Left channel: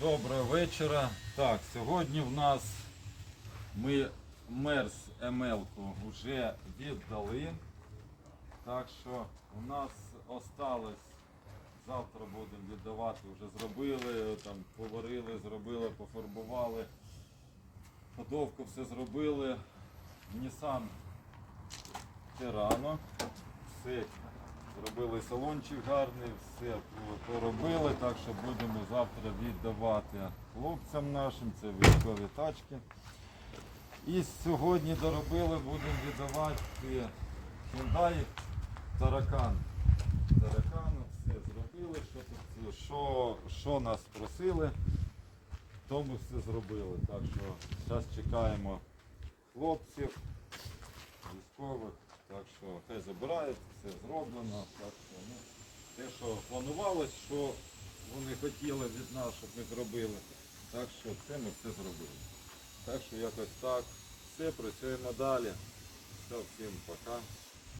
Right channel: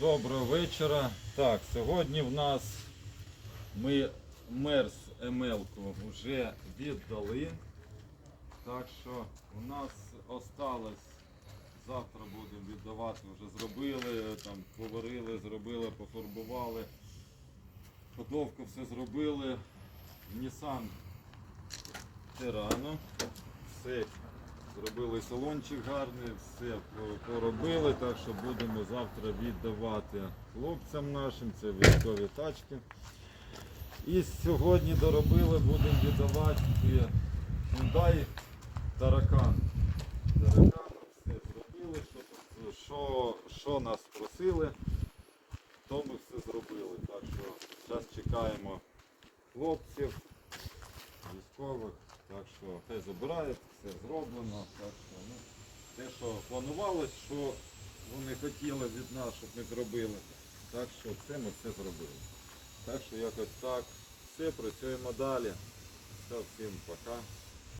Доброго вечора. Так, сьогодні в нас ми мерз МЛ-ку вже віддали. Так що у нас осталось, завтра будемо віддавати, вже зробили, там поварили, зробили, пофарбували. Ходовку все зробили. Nissan Terrano. Все зробили салончик гарний, все поробили, так що будемо завтра віддавати хлопцям нашим, це військові тачки. І сьогодні доробили, будемо віддавати Hyundai Таракан. Таракану все зробили, що, що, що нас просили, то ми все зробили. Так що зараз чекаємо хлопців, що те забирають, все зроблено. Так що, ну, те, що планувалось, що вони хотіли від нас, щоб ми зробили. Так що це ми все зробили. Так що якось так. Все, працюємо далі. Все, всім пока.